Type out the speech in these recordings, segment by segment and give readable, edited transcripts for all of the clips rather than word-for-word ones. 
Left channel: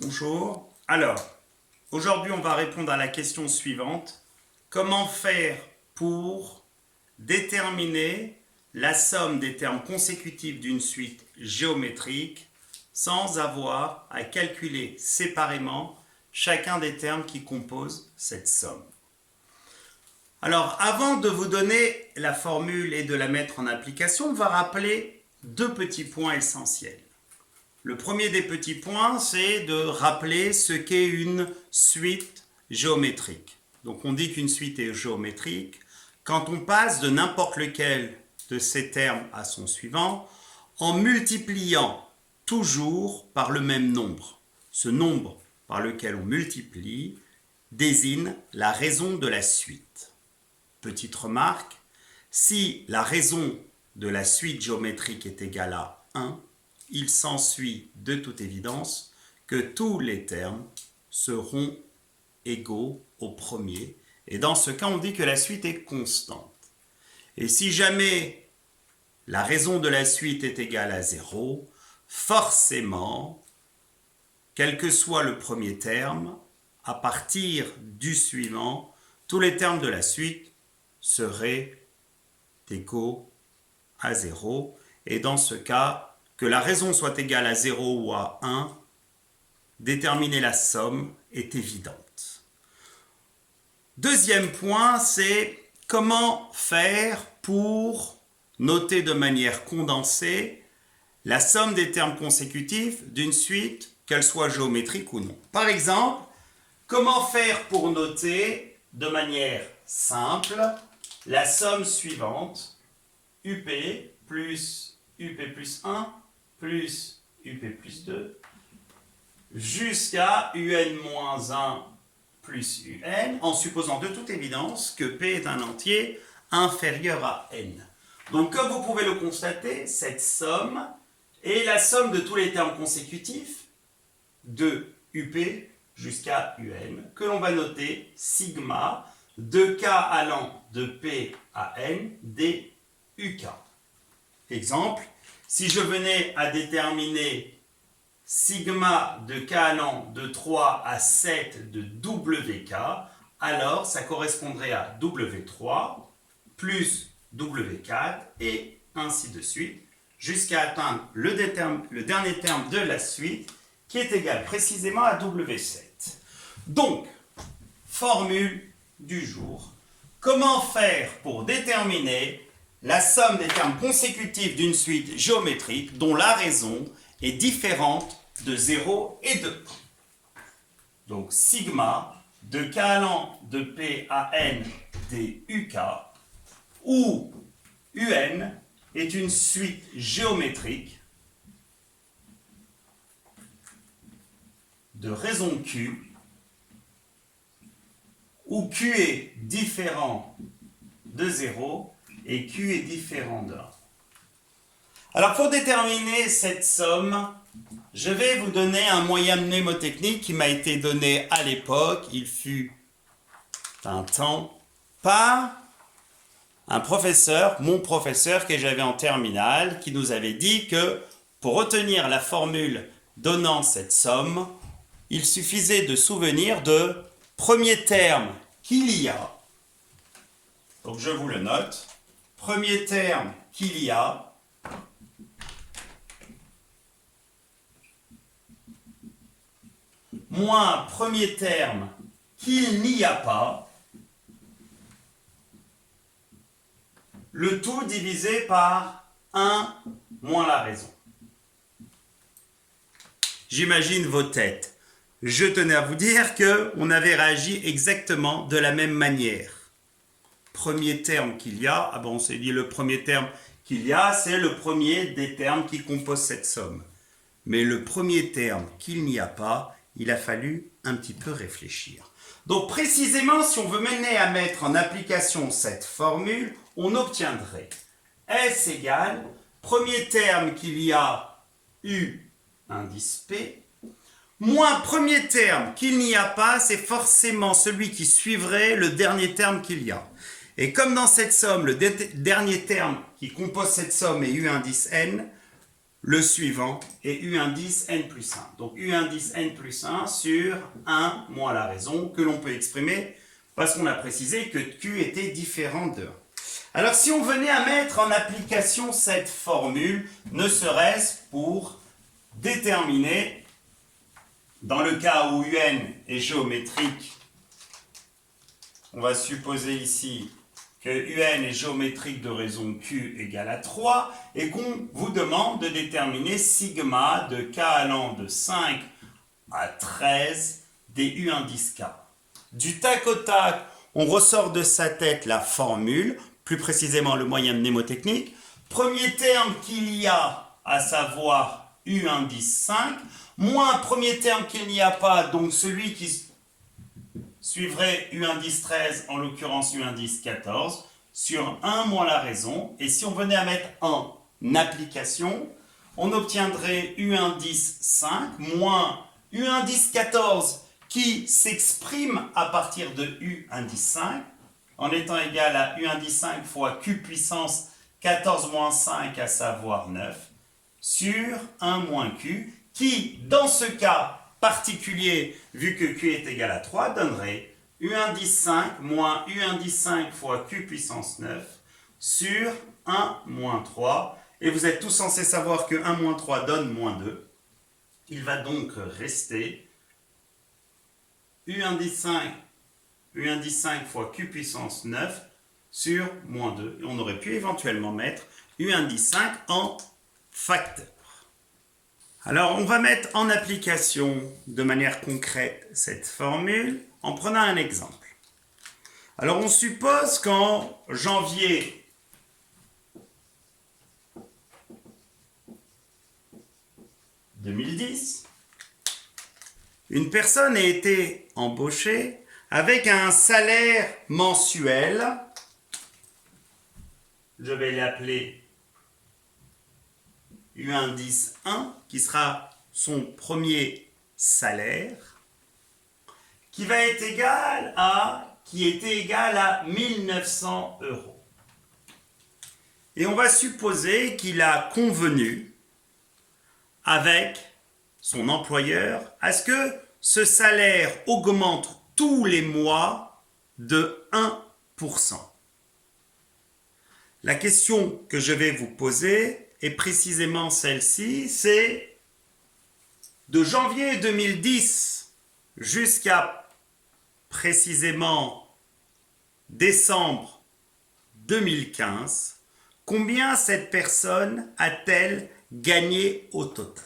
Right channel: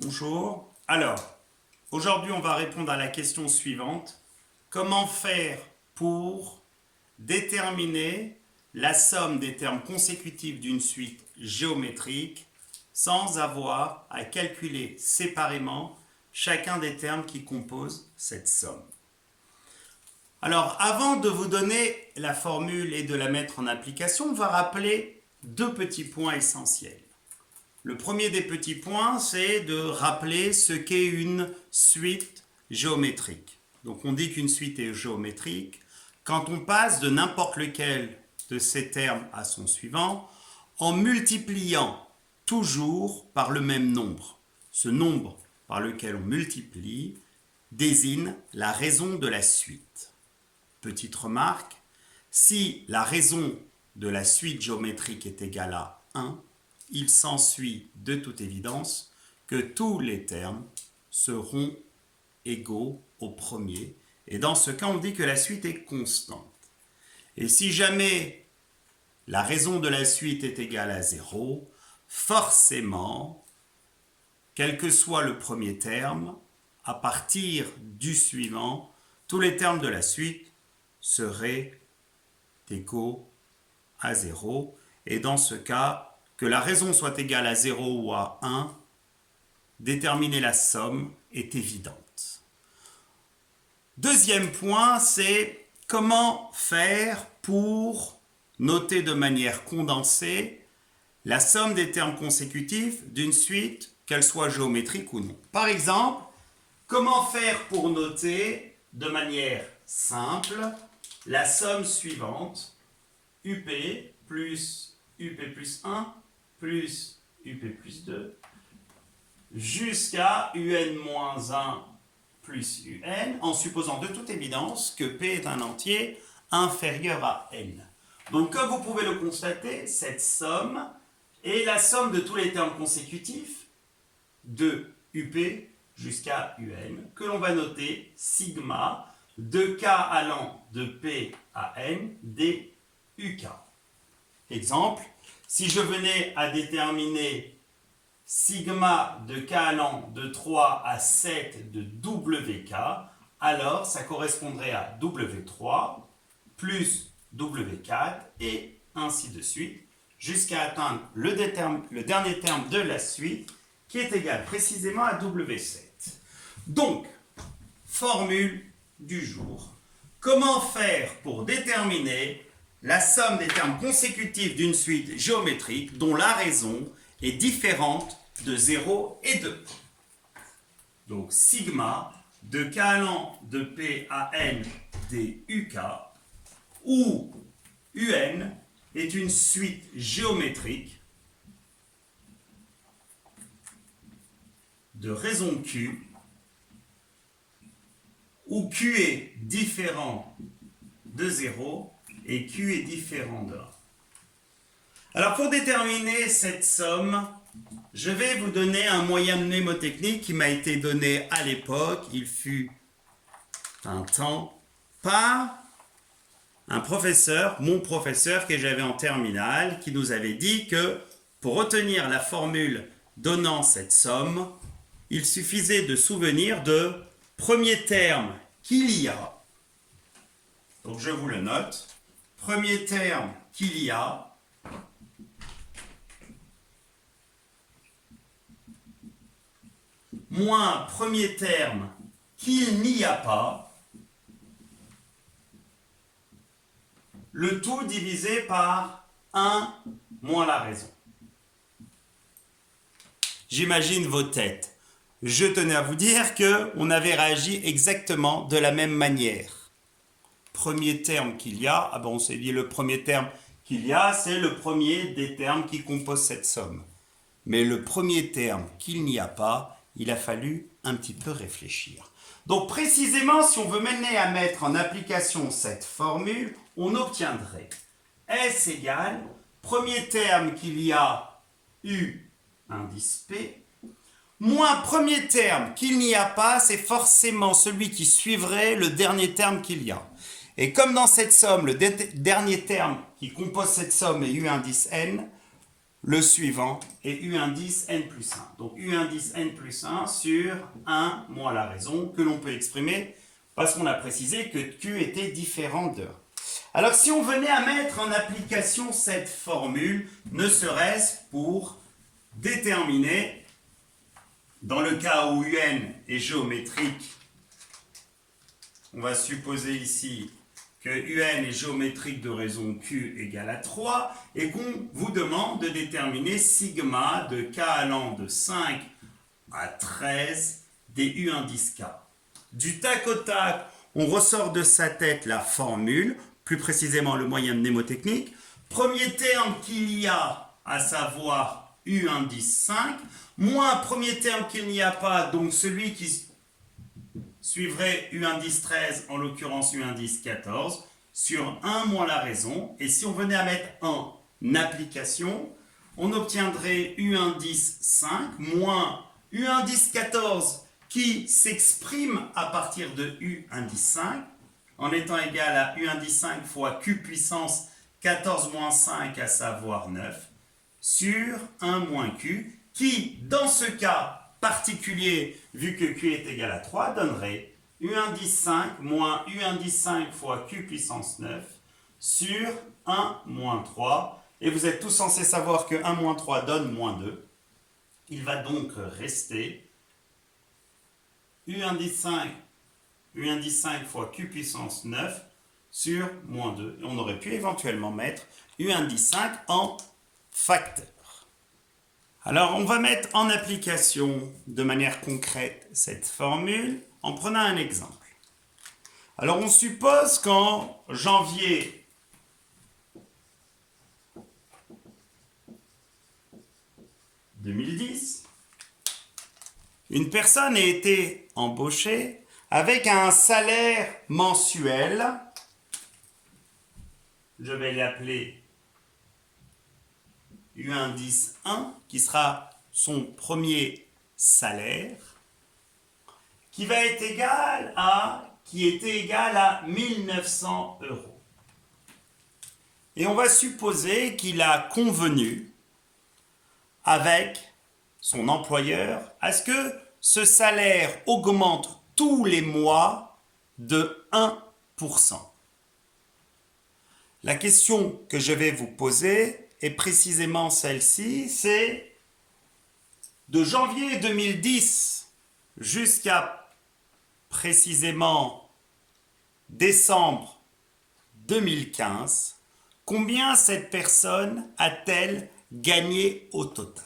Bonjour. Alors, aujourd'hui, on va répondre à la question suivante. Comment faire pour déterminer la somme des termes consécutifs d'une suite géométrique sans avoir à calculer séparément chacun des termes qui composent cette somme? Alors, avant de vous donner la formule et de la mettre en application, on va rappeler deux petits points essentiels. Le premier des petits points, c'est de rappeler ce qu'est une suite géométrique. Donc on dit qu'une suite est géométrique quand on passe de n'importe lequel de ces termes à son suivant en multipliant toujours par le même nombre. Ce nombre par lequel on multiplie désigne la raison de la suite. Petite remarque, si la raison de la suite géométrique est égale à 1, il s'ensuit de toute évidence que tous les termes seront égaux au premier. Et dans ce cas, on dit que la suite est constante. Et si jamais la raison de la suite est égale à 0, forcément, quel que soit le premier terme, à partir du suivant, tous les termes de la suite seraient égaux à 0. Et dans ce cas, que la raison soit égale à 0 ou à 1, déterminer la somme est évidente. Deuxième point, c'est comment faire pour noter de manière condensée la somme des termes consécutifs d'une suite, qu'elle soit géométrique ou non. Par exemple, comment faire pour noter de manière simple la somme suivante, UP plus UP plus 1 plus UP plus 2 jusqu'à UN-1 plus UN, en supposant de toute évidence que P est un entier inférieur à N. Donc comme vous pouvez le constater, cette somme est la somme de tous les termes consécutifs de UP jusqu'à UN, que l'on va noter sigma de K allant de P à N des UK. Exemple, si je venais à déterminer sigma de K allant de 3 à 7 de WK, alors ça correspondrait à W3 plus W4 et ainsi de suite, jusqu'à atteindre le dernier terme de la suite qui est égal précisément à W7. Donc, formule du jour. Comment faire pour déterminer la somme des termes consécutifs d'une suite géométrique dont la raison est différente de 0 et 2. Donc sigma de K allant de P à N des UK, où UN est une suite géométrique de raison Q, où Q est différent de 0 et Q est différent de 1. Alors pour déterminer cette somme, je vais vous donner un moyen mnémotechnique qui m'a été donné à l'époque, il fut un temps, par un professeur, mon professeur que j'avais en terminale, qui nous avait dit que pour retenir la formule donnant cette somme, il suffisait de souvenir de premier terme qu'il y a. Donc je vous le note. Premier terme qu'il y a, moins premier terme qu'il n'y a pas, le tout divisé par 1 moins la raison. J'imagine vos têtes. Je tenais à vous dire qu'on avait réagi exactement de la même manière. Premier terme qu'il y a, on s'est dit le premier terme qu'il y a, c'est le premier des termes qui composent cette somme. Mais le premier terme qu'il n'y a pas, il a fallu un petit peu réfléchir. Donc précisément, si on veut mener à mettre en application cette formule, on obtiendrait S égale premier terme qu'il y a U indice P, moins premier terme qu'il n'y a pas, c'est forcément celui qui suivrait le dernier terme qu'il y a. Et comme dans cette somme, le dernier terme qui compose cette somme est U indice N, le suivant est U indice n plus 1. Donc U indice n plus 1 sur 1 moins la raison que l'on peut exprimer parce qu'on a précisé que Q était différent de 1. Alors si on venait à mettre en application cette formule, ne serait-ce pour déterminer, dans le cas où UN est géométrique, on va supposer ici que UN est géométrique de raison Q égale à 3 et qu'on vous demande de déterminer sigma de K allant de 5 à 13 des U indice K. Du tac au tac, on ressort de sa tête la formule, plus précisément le moyen de mnémotechnique. Premier terme qu'il y a, à savoir U indice 5, moins premier terme qu'il n'y a pas, donc celui qui suivrait U indice 13, en l'occurrence U indice 14, sur 1 moins la raison. Et si on venait à mettre en application, on obtiendrait U indice 5 moins U indice 14 qui s'exprime à partir de U indice 5 en étant égal à U indice 5 fois Q puissance 14 moins 5, à savoir 9, sur 1 moins Q, qui, dans ce cas particulier, vu que Q est égal à 3, donnerait U indice 5 moins U indice 5 fois Q puissance 9 sur 1 moins 3. Et vous êtes tous censés savoir que 1 moins 3 donne moins 2. Il va donc rester U indice 5 fois Q puissance 9 sur moins 2. Et on aurait pu éventuellement mettre U indice 5 en facteur. Alors, on va mettre en application de manière concrète cette formule en prenant un exemple. Alors, on suppose qu'en janvier 2010, une personne a été embauchée avec un salaire mensuel, je vais l'appeler U indice 1, qui sera son premier salaire, qui était égal à 1900 €. Et on va supposer qu'il a convenu avec son employeur à ce que ce salaire augmente tous les mois de 1%. La question que je vais vous poser est précisément celle-ci, c'est de janvier 2010 jusqu'à précisément décembre 2015, combien cette personne a-t-elle gagné au total?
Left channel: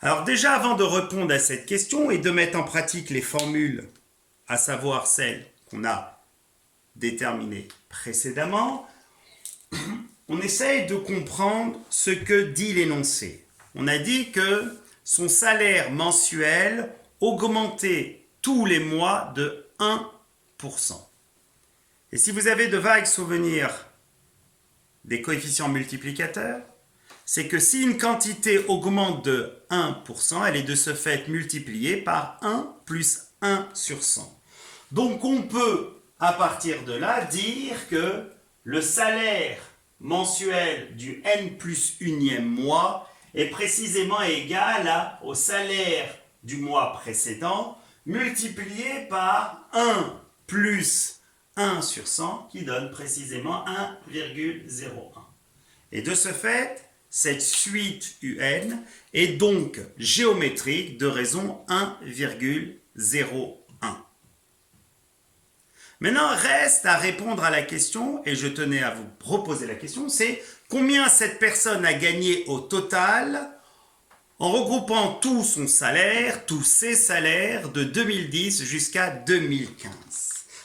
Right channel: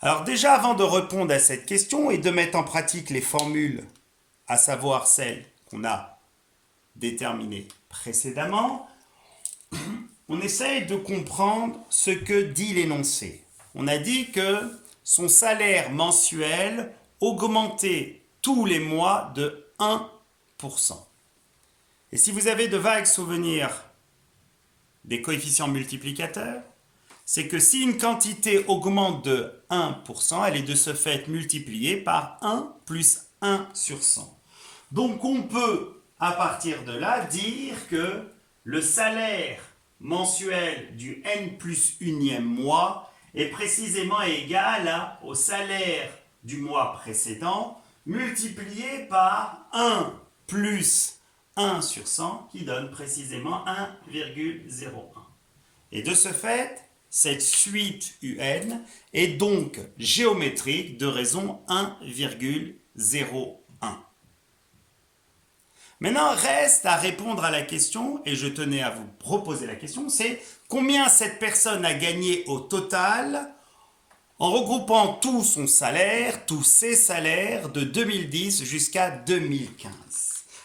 Alors déjà, avant de répondre à cette question et de mettre en pratique les formules, à savoir celles qu'on a déterminées précédemment, on essaye de comprendre ce que dit l'énoncé. On a dit que son salaire mensuel augmentait tous les mois de 1%. Et si vous avez de vagues souvenirs des coefficients multiplicateurs, c'est que si une quantité augmente de 1%, elle est de ce fait multipliée par 1 plus 1 sur 100. Donc on peut, à partir de là, dire que le salaire mensuel du n plus unième mois est précisément égal au salaire du mois précédent multiplié par 1 plus 1 sur 100 qui donne précisément 1,01. Et de ce fait, cette suite UN est donc géométrique de raison 1,01. Maintenant, reste à répondre à la question, et je tenais à vous proposer la question, c'est combien cette personne a gagné au total en regroupant tout son salaire, tous ses salaires de 2010 jusqu'à 2015.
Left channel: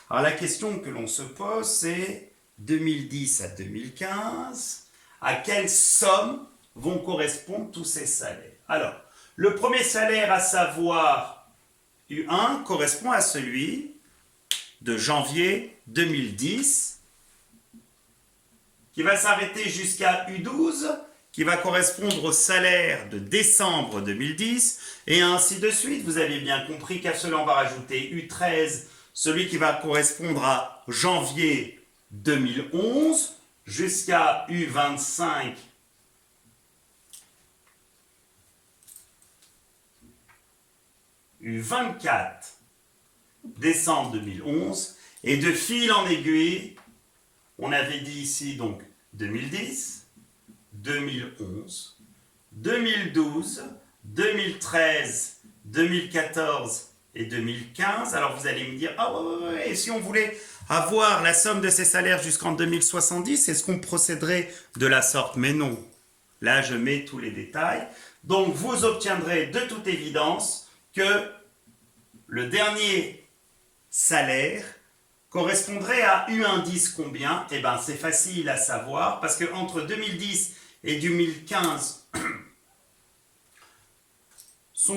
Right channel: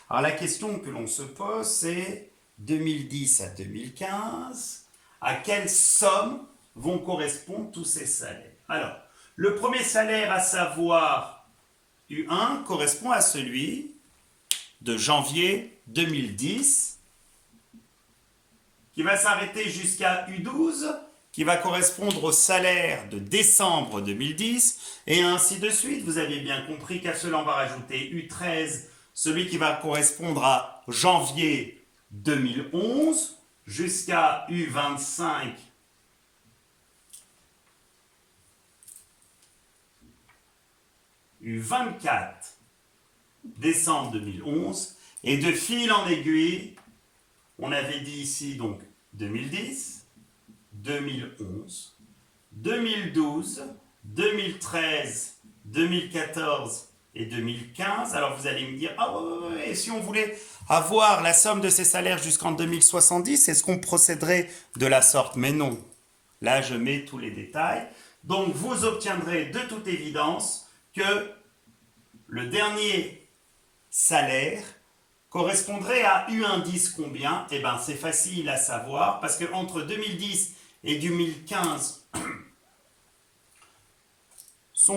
Alors la question que l'on se pose, c'est 2010 à 2015, à quelle somme vont correspondre tous ces salaires? Alors, le premier salaire, à savoir U1, correspond à celui de janvier 2010, qui va s'arrêter jusqu'à U12, qui va correspondre au salaire de décembre 2010, et ainsi de suite. Vous avez bien compris qu'à cela, on va rajouter U13, celui qui va correspondre à janvier 2011, jusqu'à U25, eu 24 décembre 2011. Et de fil en aiguille, on avait dit ici donc 2010, 2011, 2012, 2013, 2014 et 2015. Alors vous allez me dire, ah ouais, et si on voulait avoir la somme de ces salaires jusqu'en 2070, est-ce qu'on procéderait de la sorte? Mais non. Là, je mets tous les détails. Donc, vous obtiendrez de toute évidence que le dernier salaire correspondrait à U indice combien? Eh bien, c'est facile à savoir parce qu'entre 2010 et 2015, se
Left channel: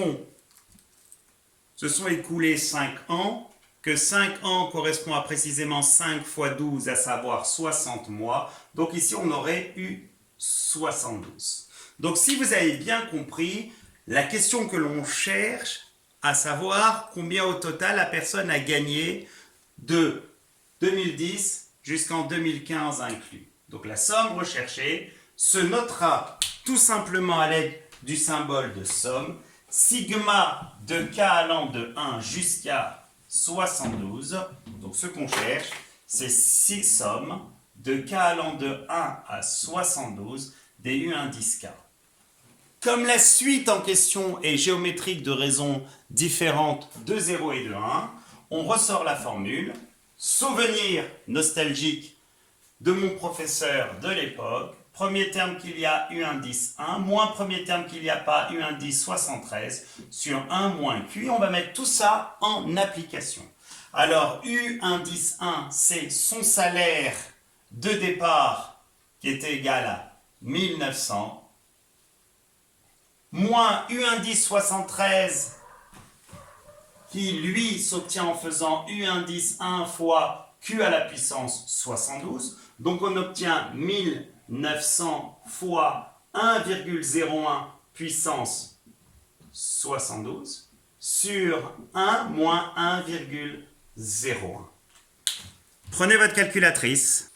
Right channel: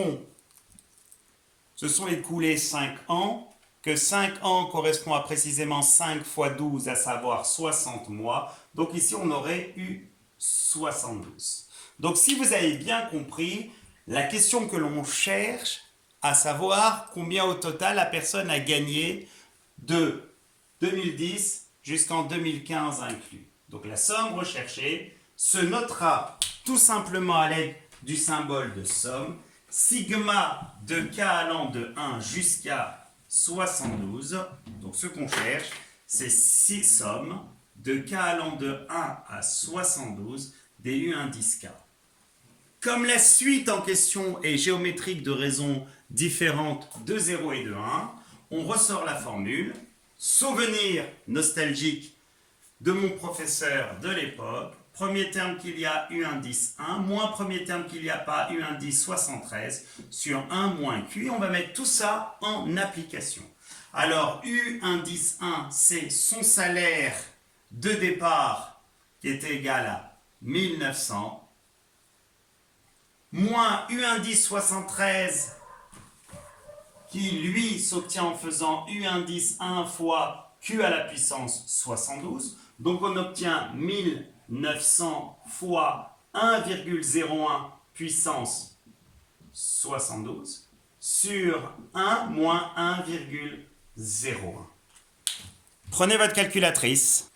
sont écoulés 5 ans, que 5 ans correspond à précisément 5 fois 12, à savoir 60 mois. Donc ici, on aurait eu 72. Donc si vous avez bien compris, la question que l'on cherche, à savoir combien au total la personne a gagné de 2010 jusqu'en 2015 inclus. Donc la somme recherchée se notera tout simplement à l'aide du symbole de somme. Sigma de k allant de 1 jusqu'à 72. Donc ce qu'on cherche, c'est 6 sommes de k allant de 1 à 72 des U indice k. Comme la suite en question est géométrique de raisons différentes de 0 et de 1, on ressort la formule. Souvenir nostalgique de mon professeur de l'époque. Premier terme qu'il y a U indice 1, moins premier terme qu'il n'y a pas U indice 73 sur 1 moins Q. On va mettre tout ça en application. Alors U indice 1, c'est son salaire de départ qui était égal à 1900, moins U indice 73 qui lui s'obtient en faisant U indice 1 fois Q à la puissance 72. Donc on obtient 1900 fois 1,01 puissance 72 sur 1 moins 1,01. Prenez votre calculatrice.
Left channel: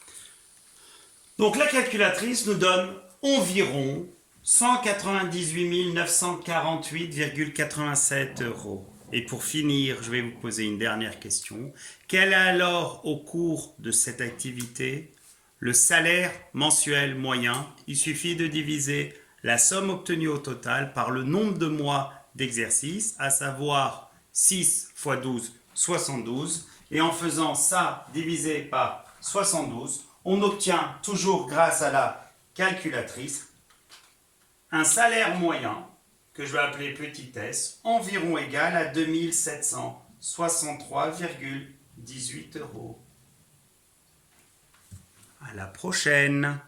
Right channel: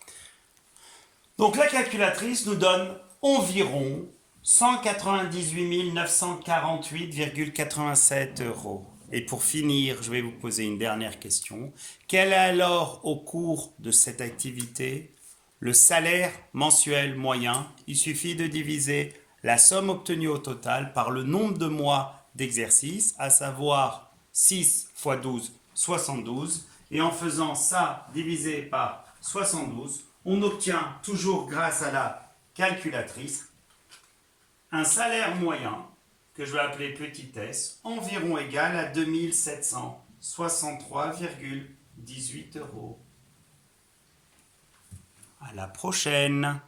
Donc la calculatrice nous donne environ 198 948,87 €. Et pour finir, je vais vous poser une dernière question. Quel est alors, au cours de cette activité, le salaire mensuel moyen? Il suffit de diviser la somme obtenue au total par le nombre de mois d'exercice, à savoir 6 fois 12, 72. Et en faisant ça divisé par 72, on obtient, toujours grâce à la calculatrice, un salaire moyen, que je vais appeler petit s, environ égal à 2763,18 €. À la prochaine!